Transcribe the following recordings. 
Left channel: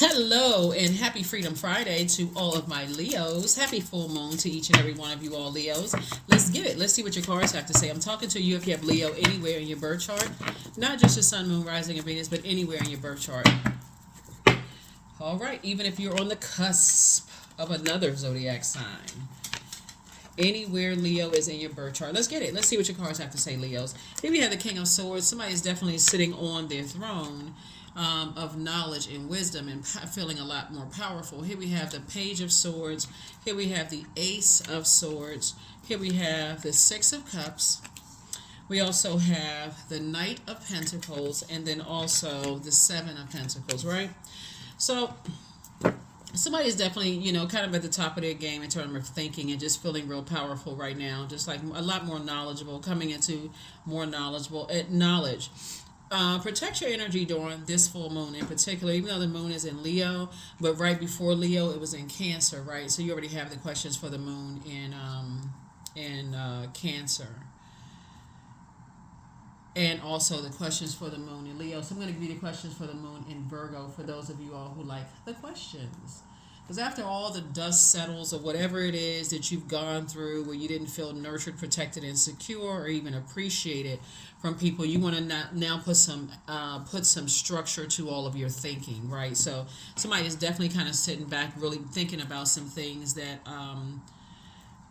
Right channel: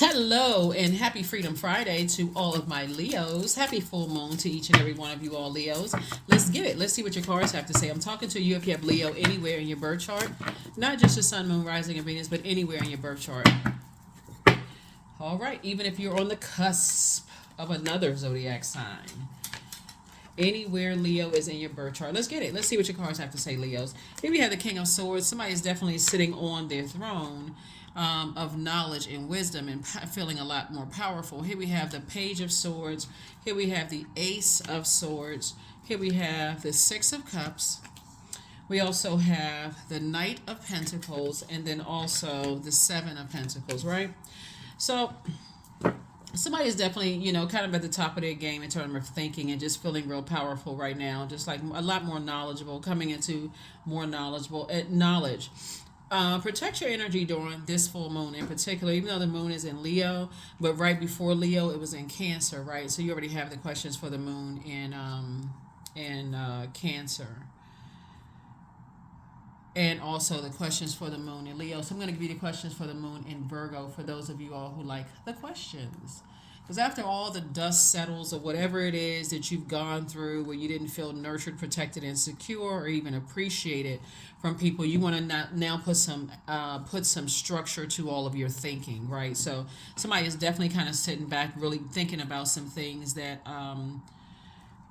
Hello and happy Freedom Friday to all of my Leos. Happy full moon to each and every one of you all Leos. Let's get it. Let's see what your cards have to say. I'm talking to you if you have Leo anywhere in your birth chart, not just your sun, moon, rising, and Venus, but anywhere in your birth chart. All right, even if you're on the cusp of another zodiac sign. Anywhere Leo is in your birth chart. Let's get it. Let's see what your cards have to say, Leos. Here we have the King of Swords. Somebody is definitely sitting on their throne of knowledge and wisdom and feeling a lot more powerful. Here we have the Page of Swords. Here we have the Ace of Swords. Here we have the Six of Cups. We also have the Knight of Pentacles and then also the Seven of Pentacles, right? So somebody is definitely, kind of at the top of their game in terms of thinking and just feeling real powerful right now. Just like a lot more knowledgeable, coming into more knowledgeable knowledge. Protect your energy during this full moon in particular, even though the moon is in Leo, but right before Leo, it was in Cancer, right? So you already have the questions for the moon in Cancer. And also the questions for the moon in Leo. So I'm going to give you the questions for the moon in Virgo for those of you all who like the questions. Because after all the dust settles or whatever it is that you've gone through where you didn't feel nurtured, protected, and secure or even appreciated from people, you want to now put some structure to all of your thinking, right? So somebody is definitely kind of sitting back, really thinking about some things that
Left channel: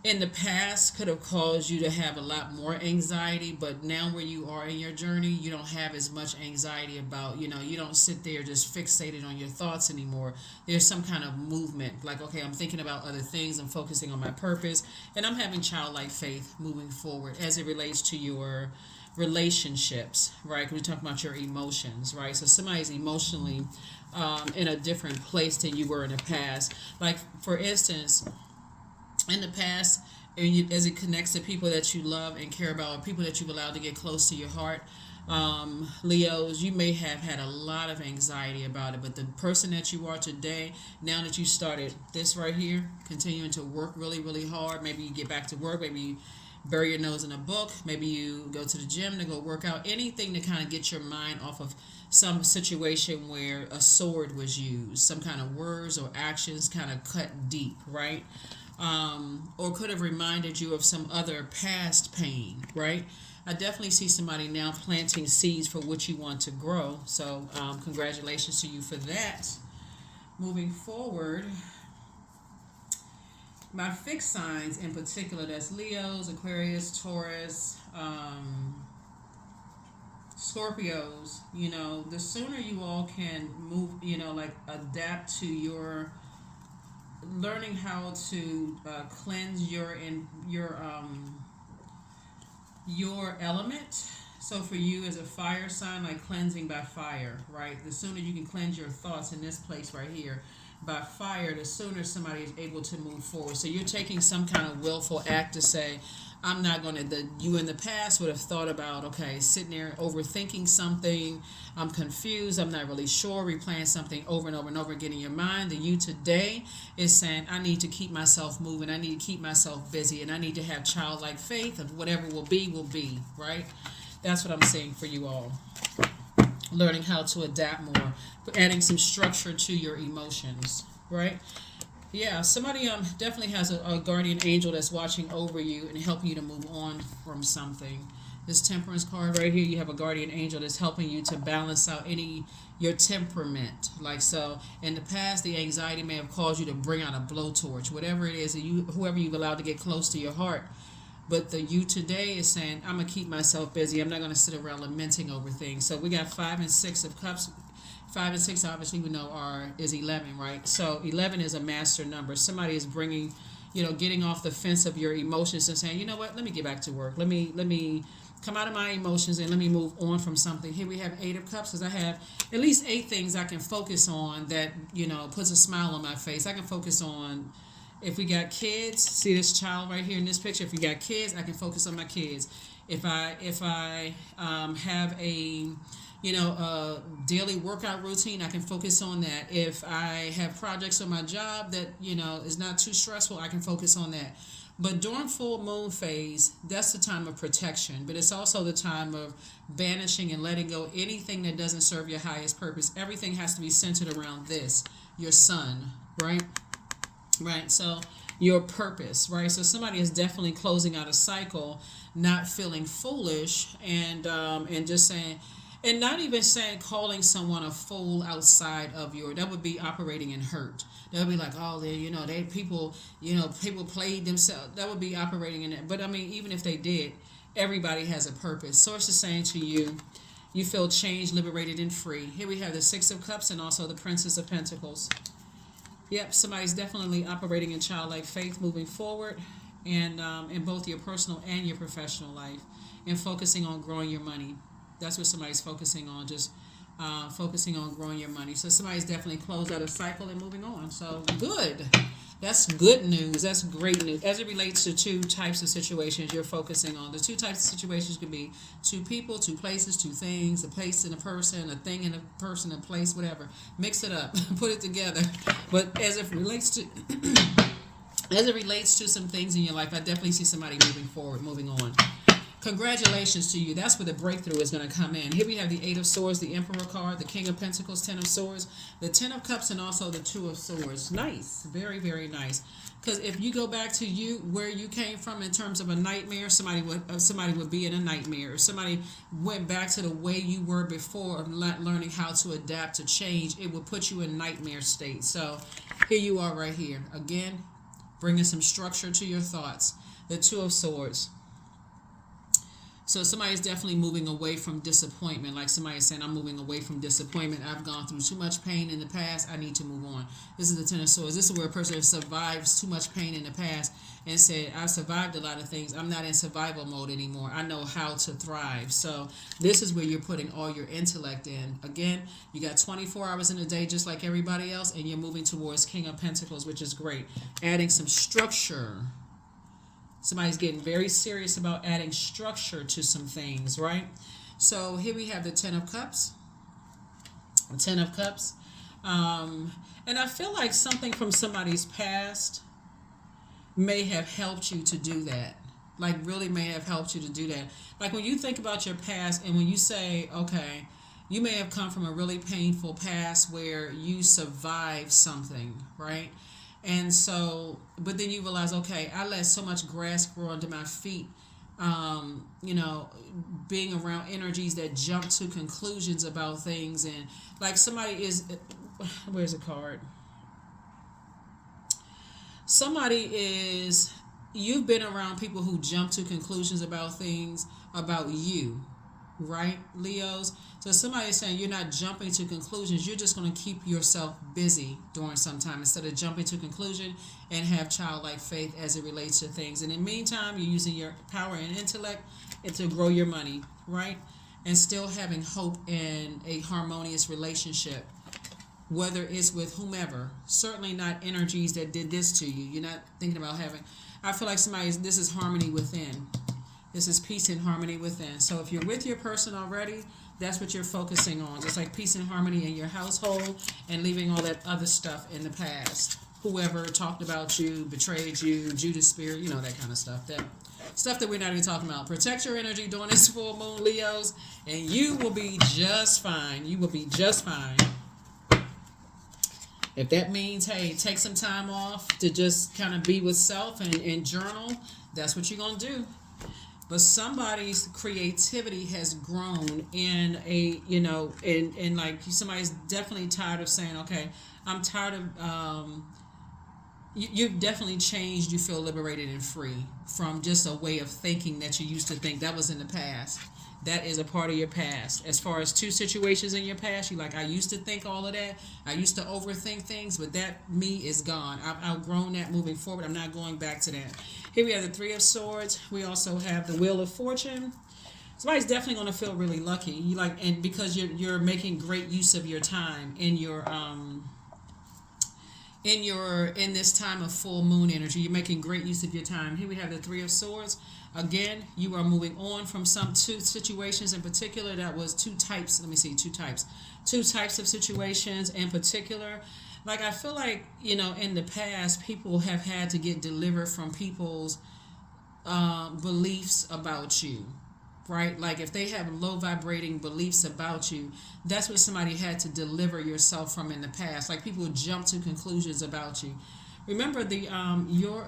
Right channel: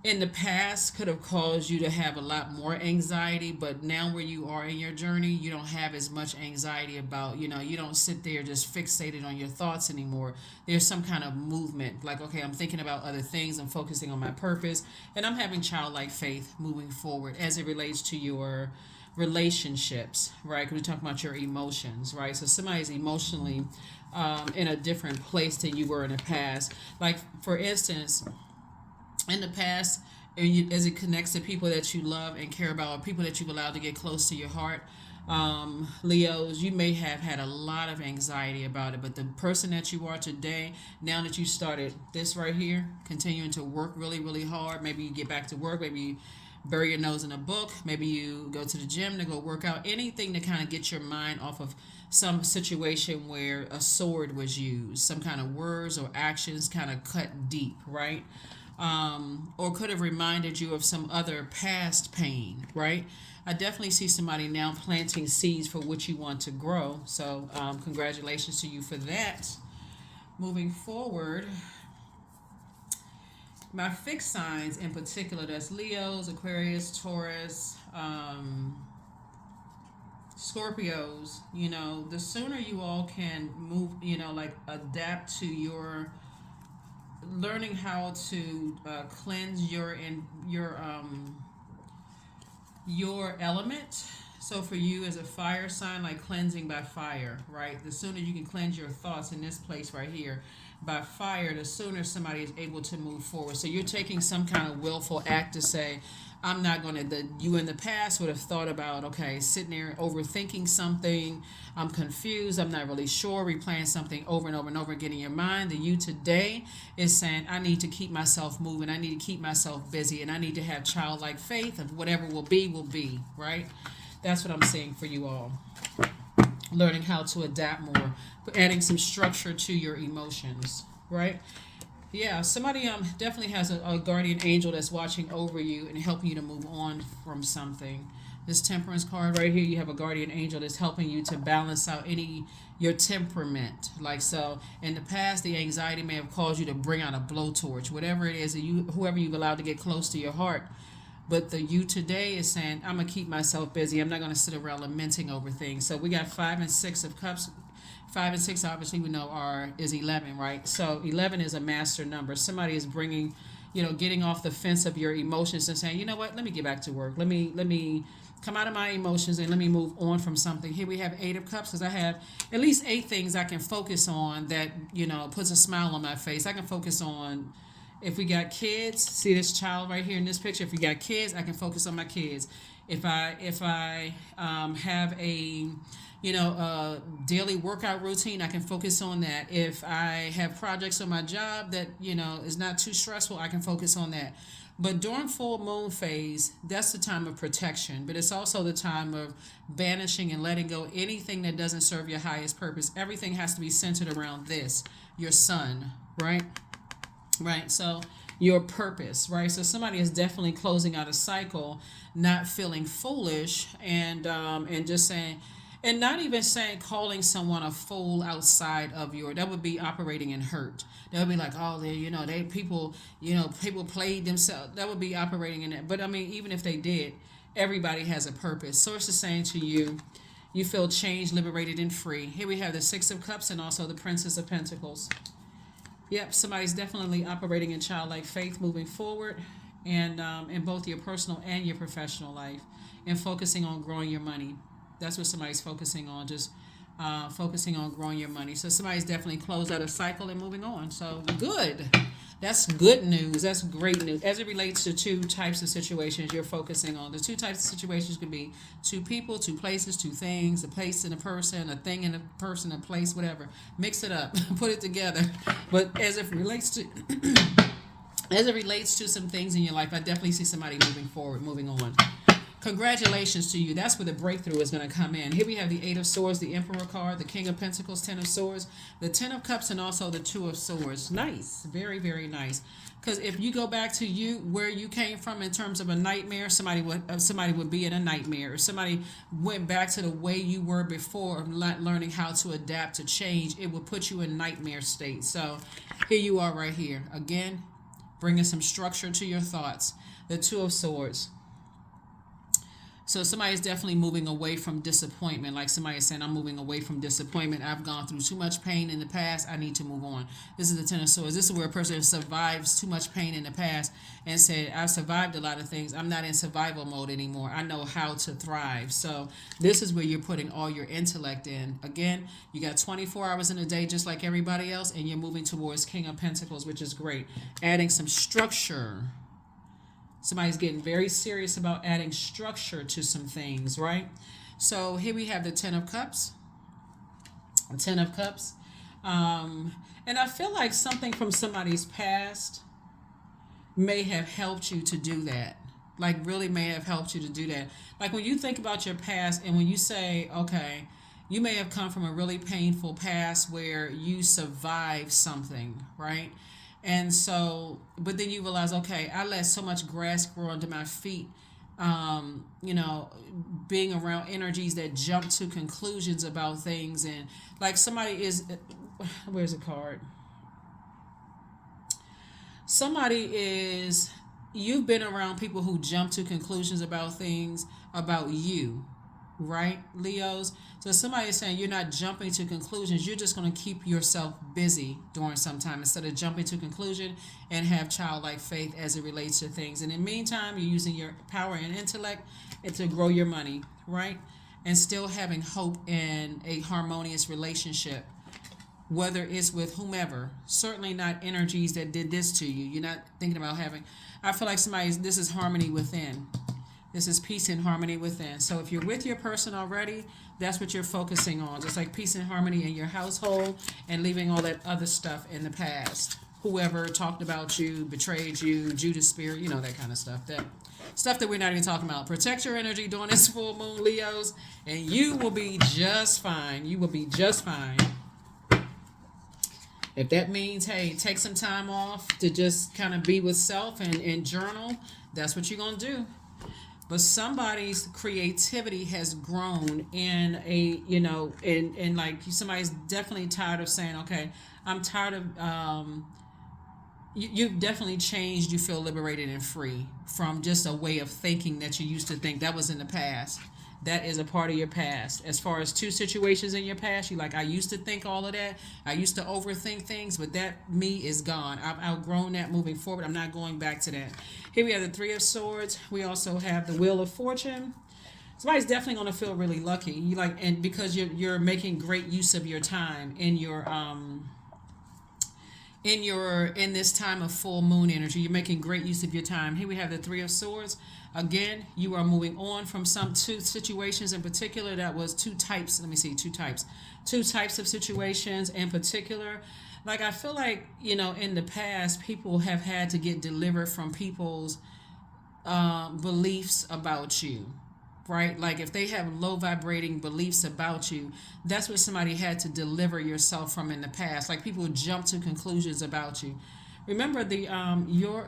in the past could have caused you to have a lot more anxiety, but now where you are in your journey, you don't have as much anxiety about, you don't sit there just fixated on your thoughts anymore. There's some kind of movement, like, okay, I'm thinking about other things, I'm focusing on my purpose, and I'm having childlike faith moving forward as it relates to your relationships, right? Because we're talking about your emotions, right? So somebody's emotionally in a different place than you were in the past. Like, for instance, in the past, as it connects to people that you love and care about, or people that you've allowed to get close to your heart, Leos, you may have had a lot of anxiety about it, but the person that you are today, now that you started this right here, continuing to work really, really hard, maybe you get back to work, maybe you bury your nose in a book, maybe you go to the gym to go work out, anything to kind of get your mind off of some situation where a sword was used, some kind of words or actions kind of cut deep, right? Or could have reminded you of some other past pain, right? I definitely see somebody now planting seeds for what you want to grow. So, congratulations to you for that. Moving forward, my fixed signs in particular, that's Leos, Aquarius, Taurus, Scorpios. The sooner you all can move, like adapt to your learning how to cleanse your element. So for you as a fire sign, like cleansing by fire, right? The sooner you can cleanse your thoughts in this place right here by fire, the sooner somebody is able to move forward. So you're taking some kind of willful act to say, I'm not going to, you in the past would have thought about, okay, sitting there overthinking something, I'm confused, I'm not really sure, replaying something over and over and over again in your mind. The you today is saying, I need to keep myself moving, I need to keep myself busy, and I need to have childlike faith of whatever will be, right? That's what I'm saying for you all. Learning how to adapt more, adding some structure to your emotions, right? Yeah, somebody definitely has a guardian angel that's watching over you and helping you to move on from something. This Temperance card right here, you have a guardian angel that's helping you to balance out your temperament. Like, so in the past, the anxiety may have caused you to bring out a blowtorch, whatever it is that whoever you've allowed to get close to your heart. But the you today is saying, I'm going to keep myself busy. I'm not going to sit around lamenting over things. So we got 5 and 6 of cups. 5 and 6 obviously we know is 11, right? So 11 is a master number. Somebody is bringing, getting off the fence of your emotions and saying, you know what, let me get back to work. Let me come out of my emotions and let me move on from something. Here we have 8 of cups, because I have at least 8 things I can focus on that, puts a smile on my face. I can focus on, if we got kids, see this child right here in this picture, if we got kids, I can focus on my kids. If I have a daily workout routine, I can focus on that. If I have projects on my job that, is not too stressful, I can focus on that. But during full moon phase, that's the time of protection, but it's also the time of banishing and letting go anything that doesn't serve your highest purpose. Everything has to be centered around this, your sun, right? Right. So your purpose, right? So somebody is definitely closing out a cycle, not feeling foolish, and just saying, and not even saying calling someone a fool outside of your, that would be operating in hurt. They'll be like, oh, they, they people, people played themselves. That would be operating in it. But I mean, even if they did, everybody has a purpose. Source is saying to you, you feel changed, liberated, and free. Here we have the Six of Cups and also the Princess of Pentacles. Yep, somebody's definitely operating in childlike faith, moving forward, and in both your personal and your professional life, and focusing on growing your money. That's what somebody's focusing on, just focusing on growing your money. So somebody's definitely closed out a cycle and moving on. So good. That's good news. That's great news. As it relates to two types of situations you're focusing on, the two types of situations could be two people, two places, two things, a place and a person, a thing and a person, a place, whatever. Mix it up, put it together. But as it relates to as it relates to some things in your life, I definitely see somebody moving forward, moving on. Congratulations to you. That's where the breakthrough is going to come in. Here we have the Eight of Swords, the Emperor card, the King of Pentacles, Ten of Swords, the Ten of Cups, and also the Two of Swords. Nice. Very, very nice. Because if you go back to you, where you came from in terms of a nightmare, somebody would be in a nightmare. If somebody went back to the way you were before, not learning how to adapt to change, it would put you in nightmare state. So here you are right here. Again, bringing some structure to your thoughts. The Two of Swords. So somebody's definitely moving away from disappointment. Like somebody's saying, I'm moving away from disappointment. I've gone through too much pain in the past. I need to move on. This is the Ten of Swords. This is where a person survives too much pain in the past and said, I've survived a lot of things. I'm not in survival mode anymore. I know how to thrive. So this is where you're putting all your intellect in. Again, you got 24 hours in a day just like everybody else, and you're moving towards King of Pentacles, which is great. Adding some structure. Somebody's getting very serious about adding structure to some things, right? So here we have the Ten of Cups. The Ten of Cups. And I feel like something from somebody's past may have helped you to do that. Like really may have helped you to do that. Like when you think about your past and when you say, okay, you may have come from a really painful past where you survived something, right? And so, but then you realize, okay, I let so much grass grow under my feet, being around energies that jump to conclusions about things. And like somebody is, where's the card? Somebody is, you've been around people who jump to conclusions about things about you, right, Leos? So somebody is saying you're not jumping to conclusions. You're just going to keep yourself busy during some time instead of jumping to conclusion and have childlike faith as it relates to things. And in the meantime, you're using your power and intellect to grow your money, right? And still having hope in a harmonious relationship, whether it's with whomever. Certainly not energies that did this to you. You're not thinking about having... I feel like this is harmony within. This is peace and harmony within. So if you're with your person already, that's what you're focusing on. Just like peace and harmony in your household and leaving all that other stuff in the past. Whoever talked about you, betrayed you, Judas spirit, that kind of stuff. That stuff that we're not even talking about. Protect your energy during this full moon, Leos, and you will be just fine. You will be just fine. If that means, hey, take some time off to just kind of be with self and journal, that's what you're going to do. But somebody's creativity has grown in in like somebody's definitely tired of saying, okay, I'm tired of, you've definitely changed. You feel liberated and free from just a way of thinking that you used to think that was in the past. That is a part of your past. As far as two situations in your past, you're like, I used to think all of that. I used to overthink things, but that me is gone. I've outgrown that moving forward. I'm not going back to that. Here we have the Three of Swords. We also have the Wheel of Fortune. Somebody's definitely going to feel really lucky. And because you're making great use of your time in this time of full moon energy. You're making great use of your time. Here we have the Three of Swords. Again, you are moving on from some two situations in particular. That was two types. Let me see, two types. Two types of situations in particular. Like I feel like, in the past, people have had to get delivered from people's beliefs about you, right? Like if they have low vibrating beliefs about you, that's what somebody had to deliver yourself from in the past. Like people jump to conclusions about you. Remember the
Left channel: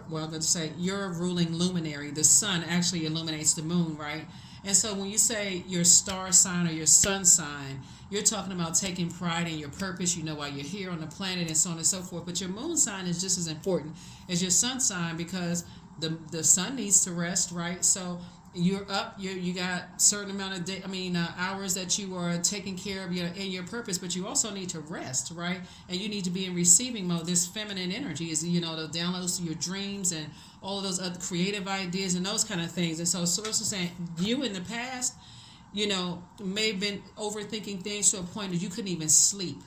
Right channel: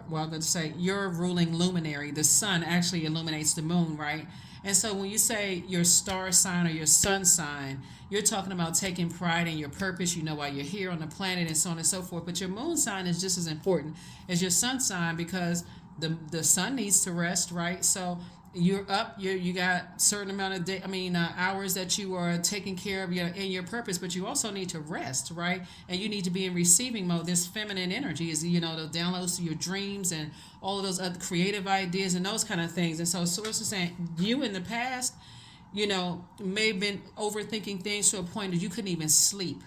let's say your ruling luminary, the sun actually illuminates the moon, right? And so when you say your star sign or your sun sign, you're talking about taking pride in your purpose. You know why you're here on the planet and so on and so forth. But your moon sign is just as important as your sun sign because the sun needs to rest, right? So you're up, you got certain amount of hours that you are taking care of in your purpose, but you also need to rest, right? And you need to be in receiving mode. This feminine energy is the downloads to your dreams and all of those other creative ideas and those kind of things. And so source is saying you in the past may have been overthinking things to a point that you couldn't even sleep.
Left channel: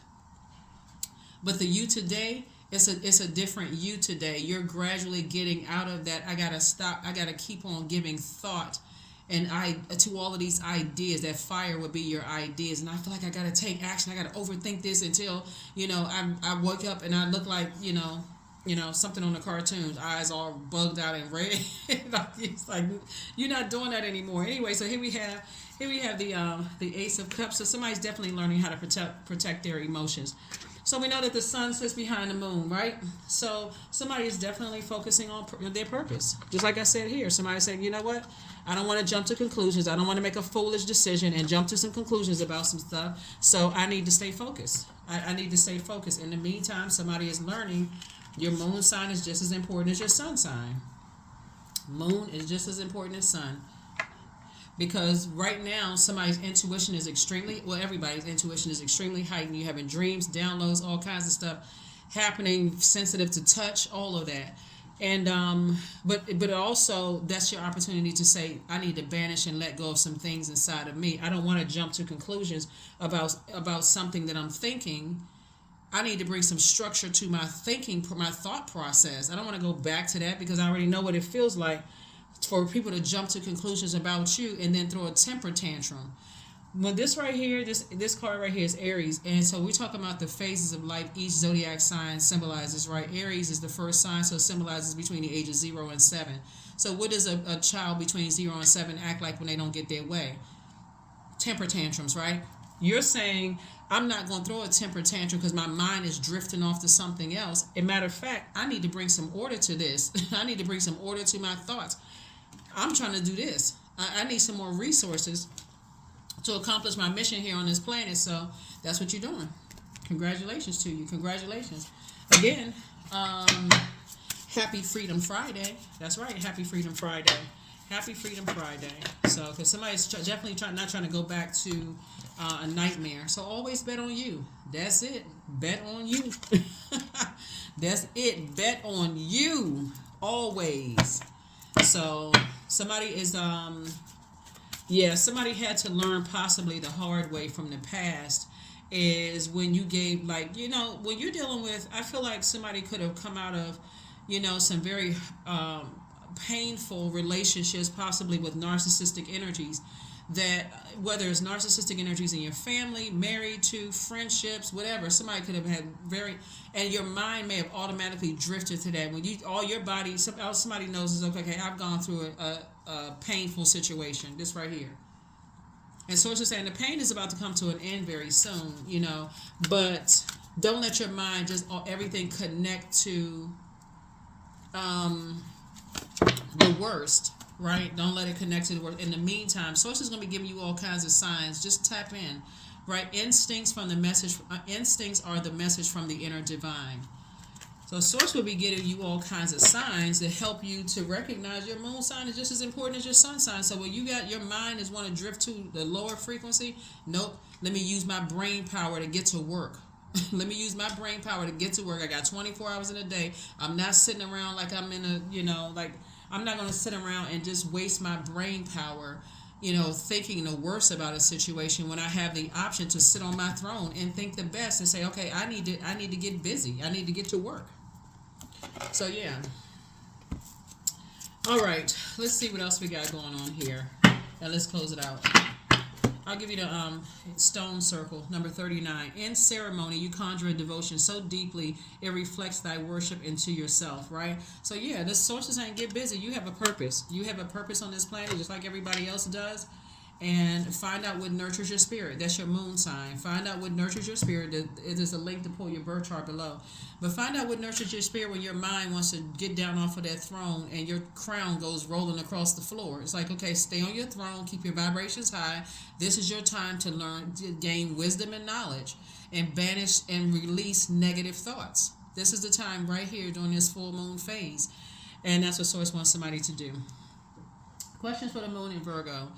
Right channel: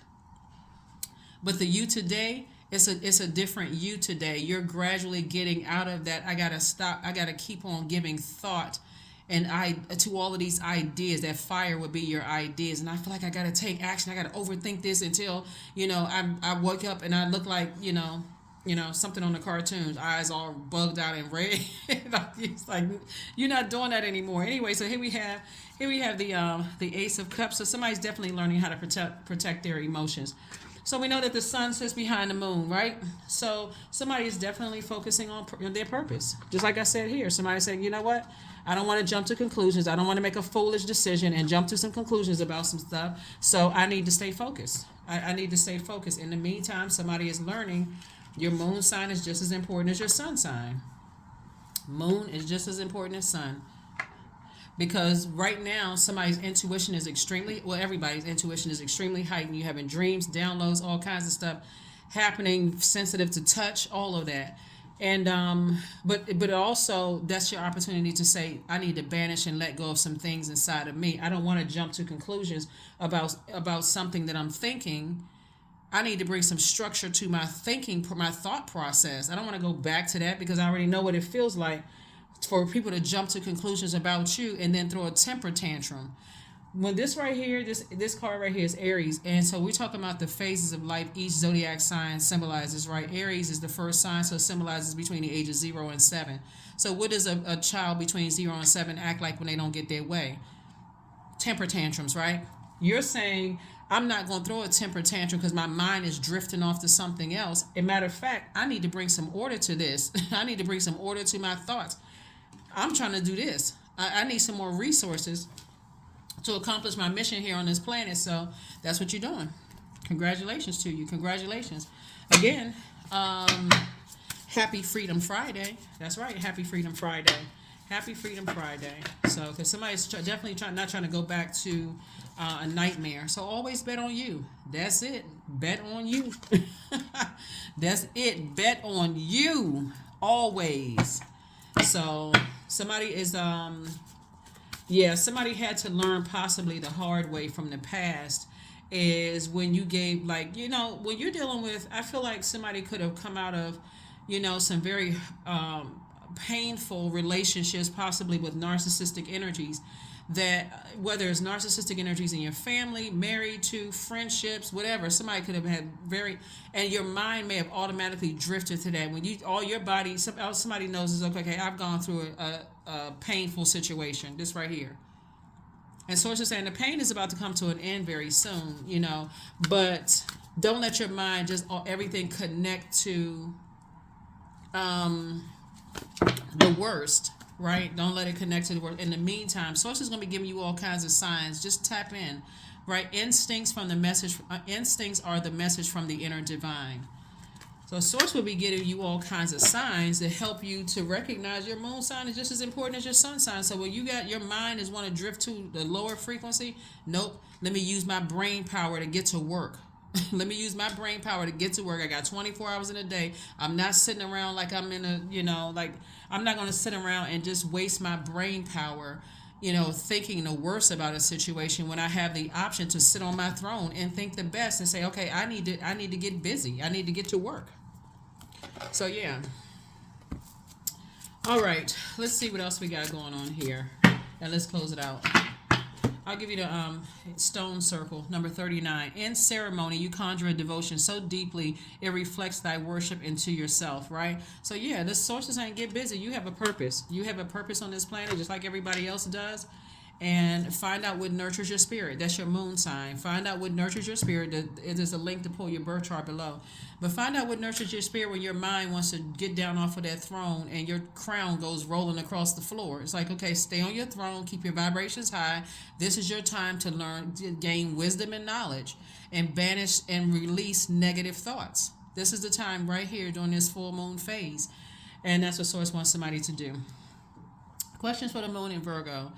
But the you today, it's a different you today. You're gradually getting out of that. I gotta stop. I gotta keep on giving thought and to all of these ideas. That fire would be your ideas, and I feel like I gotta take action. I gotta overthink this until I wake up and I look like something on the cartoons, eyes all bugged out and red. It's like you're not doing that anymore. Anyway, so here we have the Ace of Cups. So somebody's definitely learning how to protect their emotions. So we know that the sun sits behind the moon, right? So somebody is definitely focusing on their purpose. Just like I said here, somebody saying, you know what? I don't want to jump to conclusions. I don't want to make a foolish decision and jump to some conclusions about some stuff. So I need to stay focused. I need to stay focused. In the meantime, somebody is learning your moon sign is just as important as your sun sign. Moon is just as important as sun. Because right now, somebody's intuition is everybody's intuition is extremely heightened. You're having dreams, downloads, all kinds of stuff happening, sensitive to touch, all of that. And but also that's your opportunity to say, I need to banish and let go of some things inside of me. I don't want to jump to conclusions about something that I'm thinking. I need to bring some structure to my thinking, my thought process. I don't want to go back to that because I already know what it feels like for people to jump to conclusions about you and then throw a temper tantrum. When this right here, this card right here is Aries, and so we're talking about the phases of life each zodiac sign symbolizes, right? Aries is the first sign, so it symbolizes between the ages 0 and 7. So what does a child between 0 and 7 act like when they don't get their way? Temper tantrums, right? You're saying, I'm not going to throw a temper tantrum because my mind is drifting off to something else. As a matter of fact, I need to bring some order to this. I need to bring some order to my thoughts. I'm trying to do this. I need some more resources to accomplish my mission here on this planet. So that's what you're doing. Congratulations to you. Congratulations. Again, happy Freedom Friday. That's right. Happy Freedom Friday. Happy Freedom Friday. So, because somebody's definitely not trying to go back to a nightmare. So always bet on you. That's it. Bet on you. That's it. Bet on you. Always. So somebody is somebody had to learn possibly the hard way from the past is when you gave when you're dealing with, I feel like somebody could have come out of some very painful relationships, possibly with narcissistic energies, that whether it's narcissistic energies in your family, married to, friendships, whatever, somebody could have had and your mind may have automatically drifted to that. When all your body, somebody knows is okay, I've gone through a painful situation, this right here. And so it's just saying the pain is about to come to an end very soon, but don't let your mind just everything connect to the worst. Right? Don't let it connect to the world. In the meantime, Source is going to be giving you all kinds of signs. Just tap in. Right? Instincts are the message from the inner divine. So Source will be giving you all kinds of signs that help you to recognize your moon sign is just as important as your sun sign. So when you got your mind is want to drift to the lower frequency, nope. Let me use my brain power to get to work. Let me use my brain power to get to work. I got 24 hours in a day. I'm not sitting around like I'm in a, I'm not going to sit around and just waste my brain power, thinking the worst about a situation when I have the option to sit on my throne and think the best and say, okay, I need to get busy. I need to get to work. So, yeah. All right. Let's see what else we got going on here. And let's close it out. I'll give you the stone circle, number 39. In ceremony, you conjure a devotion so deeply it reflects thy worship into yourself, right? So, yeah, the sources ain't get busy. You have a purpose. You have a purpose on this planet just like everybody else does. And find out what nurtures your spirit. That's your moon sign. Find out what nurtures your spirit. There's a link to pull your birth chart below. But find out what nurtures your spirit when your mind wants to get down off of that throne and your crown goes rolling across the floor. It's like, okay, stay on your throne, keep your vibrations high. This is your time to learn, to gain wisdom and knowledge, and banish and release negative thoughts. This is the time right here during this full moon phase. And that's what Source wants somebody to do. Questions for the moon in Virgo.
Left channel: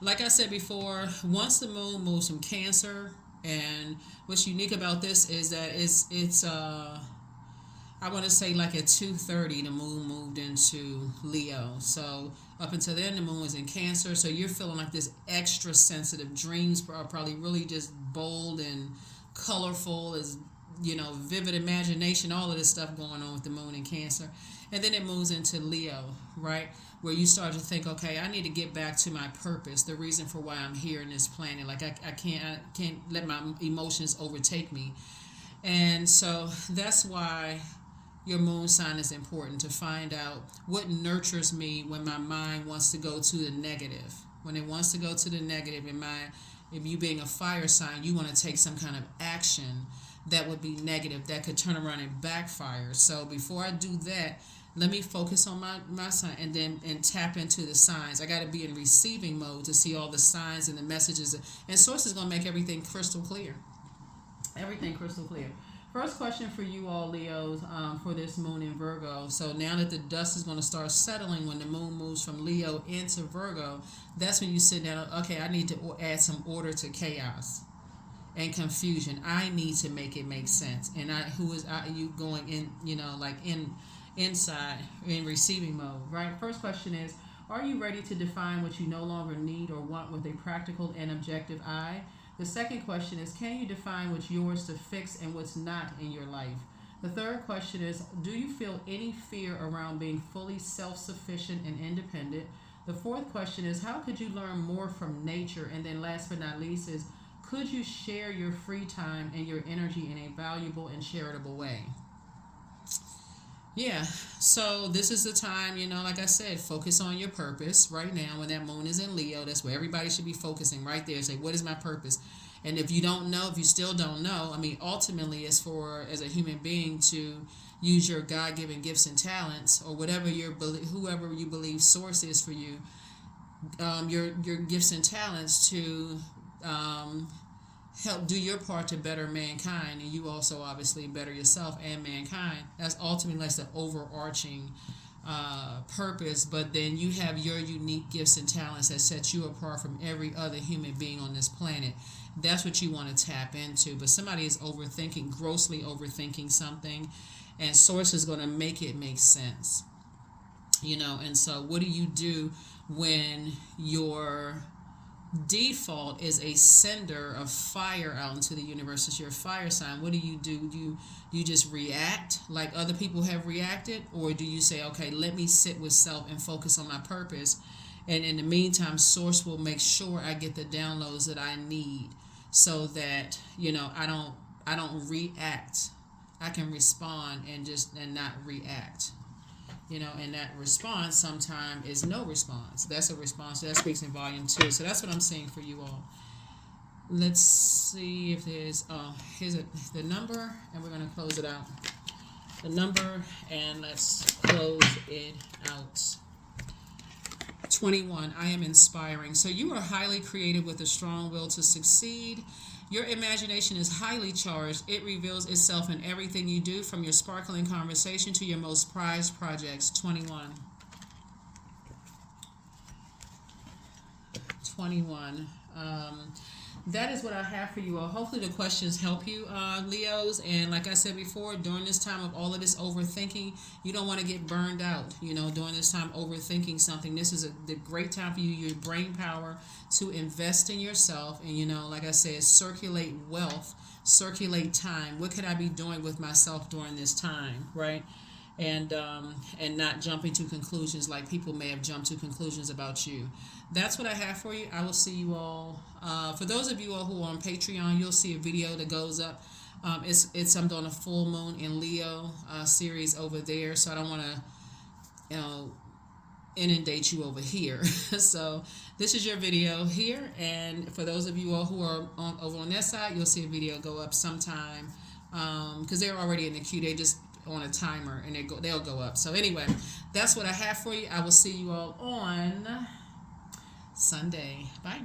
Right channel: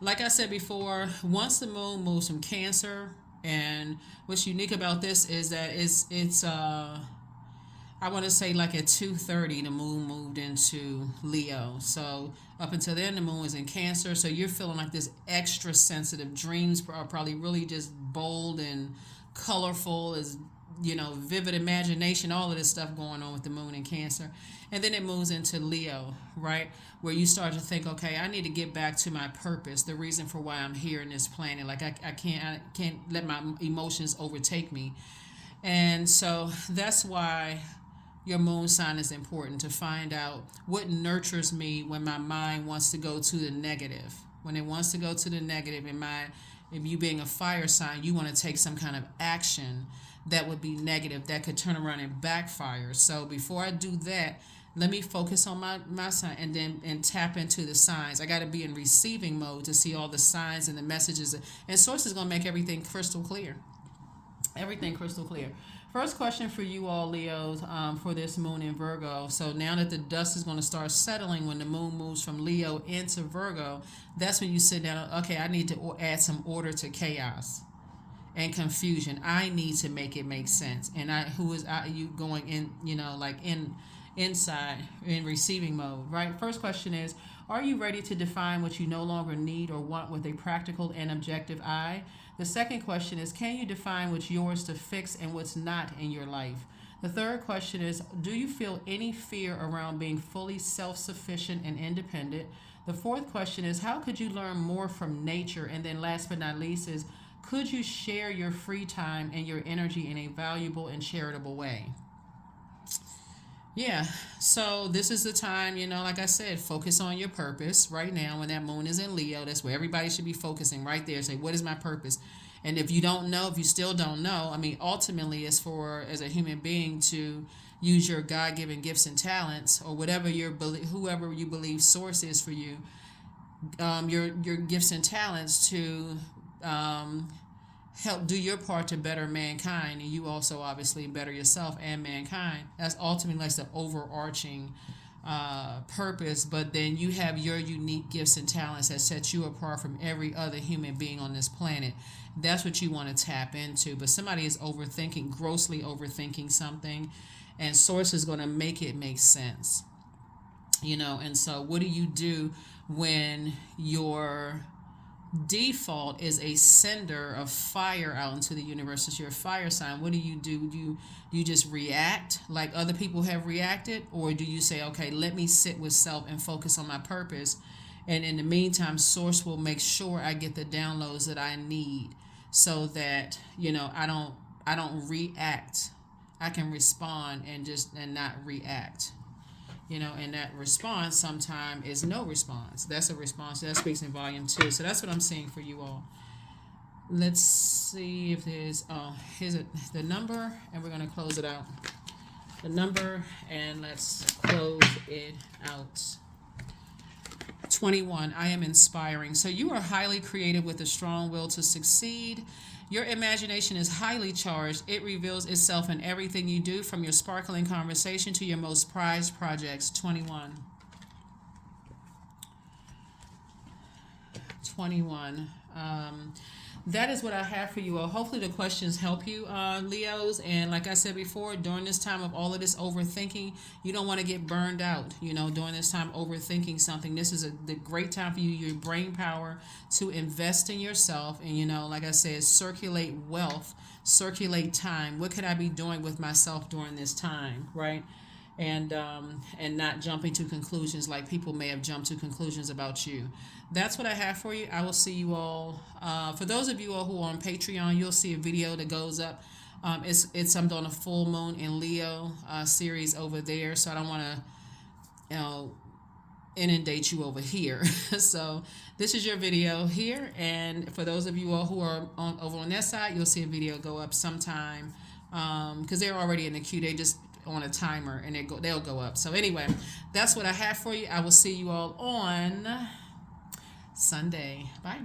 Like I said before, once the moon moves from Cancer, and what's unique about this is that it's I want to say like at 2:30 the moon moved into Leo. So up until then the moon was in Cancer, so you're feeling like this extra sensitive. Dreams are probably really just bold and colorful, as vivid imagination, all of this stuff going on with the moon in Cancer. And then it moves into Leo, right? Where you start to think, okay, I need to get back to my purpose, the reason for why I'm here in this planet. Like I can't let my emotions overtake me. And so that's why your moon sign is important, to find out what nurtures me when my mind wants to go to the negative. When it wants to go to the negative, if you being a fire sign, you want to take some kind of action that would be negative, that could turn around and backfire. So before I do that, let me focus on my sign and tap into the signs. I got to be in receiving mode to see all the signs and the messages. And Source is going to make everything crystal clear. Everything crystal clear. First question for you all, Leos, for this moon in Virgo. So now that the dust is going to start settling when the moon moves from Leo into Virgo, that's when you sit down, okay, I need to add some order to chaos and confusion. I need to make it make sense. And you going in, inside in receiving mode, right? First question is, are you ready to define what you no longer need or want with a practical and objective eye? The second question is, can you define what's yours to fix and what's not in your life? The third question is, do you feel any fear around being fully self-sufficient and independent? The fourth question is, how could you learn more from nature? And then last but not least is, could you share your free time and your energy in a valuable and charitable way? Yeah, so this is the time, like I said, focus on your purpose right now. When that moon is in Leo, that's where everybody should be focusing right there. Say, what is my purpose? And if you still don't know, ultimately it's for, as a human being, to use your God-given gifts and talents, or whoever you believe Source is for you, your gifts and talents to help do your part to better mankind, and you also obviously better yourself and mankind. That's ultimately the overarching purpose. But then you have your unique gifts and talents that set you apart from every other human being on this planet. That's what you want to tap into. But somebody is grossly overthinking something, and Source is going to make it make sense. And so what do you do when your default is a sender of fire out into the universe? It's your fire sign. What do? You just react like other people have reacted, or do you say, okay, let me sit with self and focus on my purpose, and in the meantime Source will make sure I get the downloads that I need, so that I don't react. I can respond and not react. And that response sometimes is no response. That's a response. That speaks in volume 2. So that's what I'm saying for you all. Let's see if there's, here's the number, and we're going to close it out. The number, and let's close it out. 21, I am inspiring. So you are highly creative with a strong will to succeed. Your imagination is highly charged. It reveals itself in everything you do, from your sparkling conversation to your most prized projects. 21. That is what I have for you all. Hopefully the questions help you, Leos. And like I said before, during this time of all of this overthinking, you don't want to get burned out. During this time overthinking something, this is the great time for you, your brain power, to invest in yourself. And like I said, circulate wealth, circulate time. What could I be doing with myself during this time, right? And not jumping to conclusions like people may have jumped to conclusions about you. that's what I have for you. I will see you all. For those of you all who are on Patreon, you'll see a video that goes up. It's I'm doing a full moon in Leo series over there, so I don't want to, you know, inundate you over here. So this is your video here, and for those of you all who are over on that side, you'll see a video go up sometime, because they're already in the queue. They just on a timer and they'll go up. So anyway, that's what I have for you. I will see you all on Sunday. Bye.